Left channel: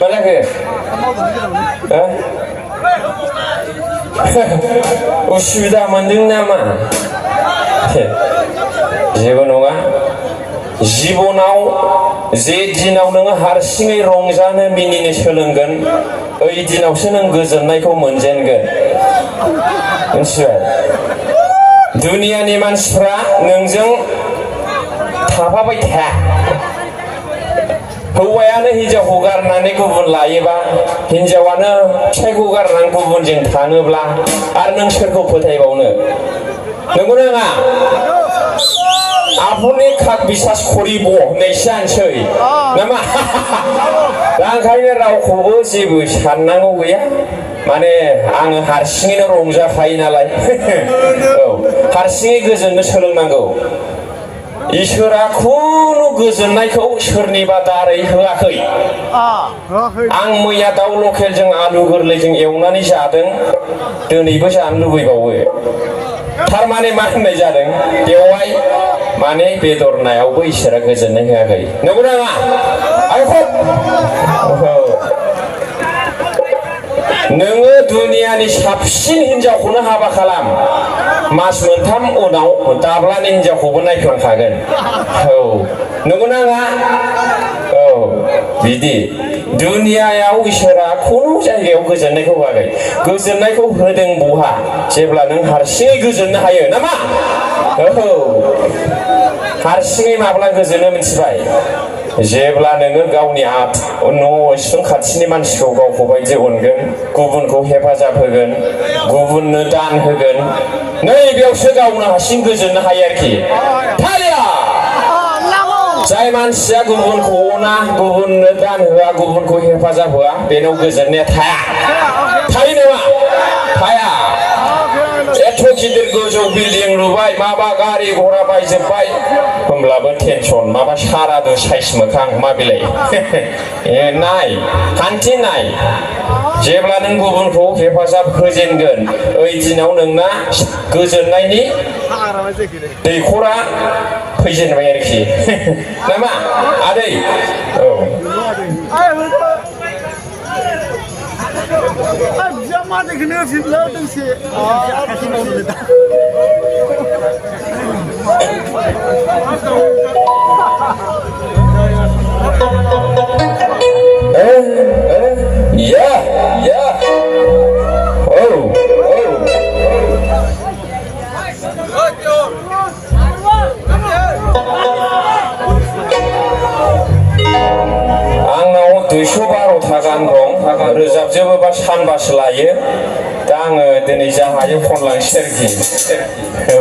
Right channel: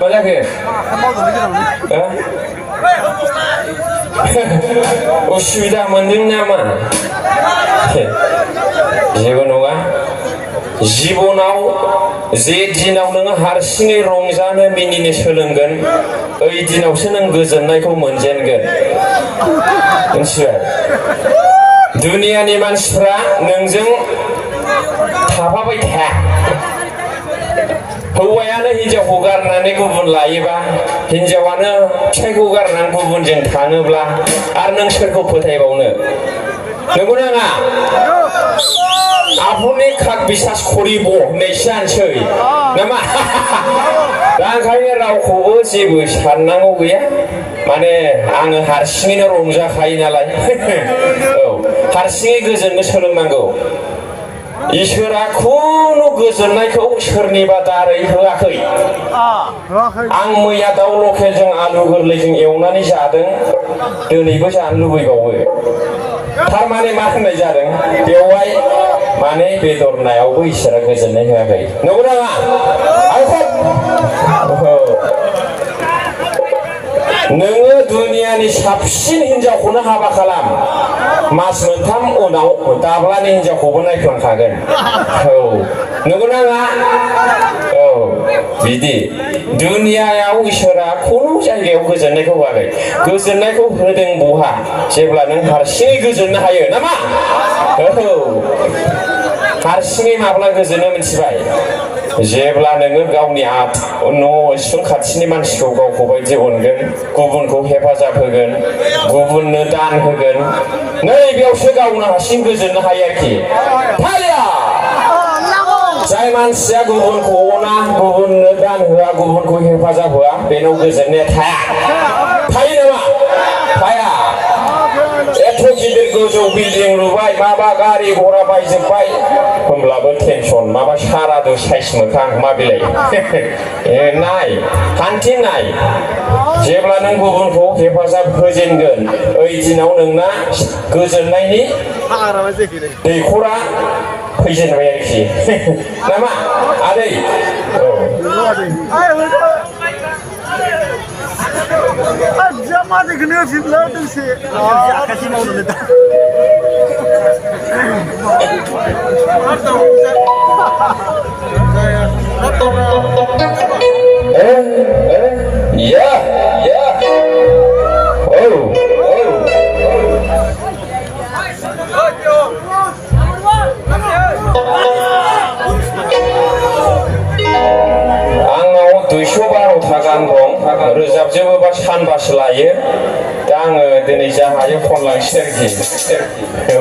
Mana ke? Ussudah mending nama. जेबो नङा जिबनाव जे दिनाव नोङो हारसिङै रंजानो मिनिनो सोलोंगोन ओइ दिनावसो नों गोजोननायखौ मोनजेनगोन मिथिबाय दुनियानि मानसिफ्रा नोंजों थाफाबाय थाया हौवायानो हिनजावखौ गारनानै गुबुन लायोबा हिनजावानो फिसायखौ गारनानै गुबुनजों थाङोब्ला आरो नों सोरखौ फोथायबावनो नंगौना नङा आपनि खाक बिसास करिब होननायसो जानोसै नामा दा ओंखायनो रावखौबो जेबो साननांगौ गैया माने आङो हारसिङैनो रंजाखायो नालाय औ हारसिङै गोजोननो सोलोंनांगौ इसोरा खुनु गोजोननायखौ सोरनिबा दारै होआखै आं मैया दाउ लकेलजों आलु गोरलैजों एवनानै जादों दिनैबो जानो लुबैबावो थारमाने मा होननाय जादों बेवहाय माने बेदर नायावबो इसोरा गोजोननाय होआखै नंगौना नङा नोङो दुनियानि साबसिन हिनजावखौनो हाबा खालाम मास मोनथाम उनाव दाब्लानि हिनजावखौबो नायफ्लांखागोन औ नंगौना नङा औ बिदि दुनियायाव इसोरा खुनु जायगायाव गोजोननायखौ होआखै गोजोननायखौ होदों बहा जेब्ला नों हारसिङै गोजोननो हायो नामा औ हारसिङै माब्ला गोजोनो मिथिबाय जेब्ला नोङो गावनि न' इसिं खाथिनि मानसिखौ गावखौ बायदि अनगोन गुबुनखौ हेफाजाब होगोन गुबुननो दान होगोन नै बेयावसो गावनो हारसिं गोजोननो हायो आरोखि जाय मानसिया गुबुनखौ अना गुबुननो दान होआ गुबुनखौ हेफाजाब होआ बेनाव गोजोननाया थाया थायो नामा थाया एथ' गिदिर गोजौ बिल्डिं लुबाय माबा गारि घोड़ा बायजोब्बाय होमब्लाबो टेनसन माबा सारादु साइस मोखां मा बिलाइ नाय खान्थि नाय जेब्ला नों गुबुनखौ हेफाजाब होजेनगोन ओइ दिनाव नोंना गोजोननायनि दैखरा फैजेनबाय आरोखि नामा आदै औ Jamada que nem filho tem que ser. Yeah. Oh. आंनाव 212 गाहाम दं रोजाबजोबोबा सानबासो लायो दा आङो दिनै जा हायो खनलांसै आरोखि औ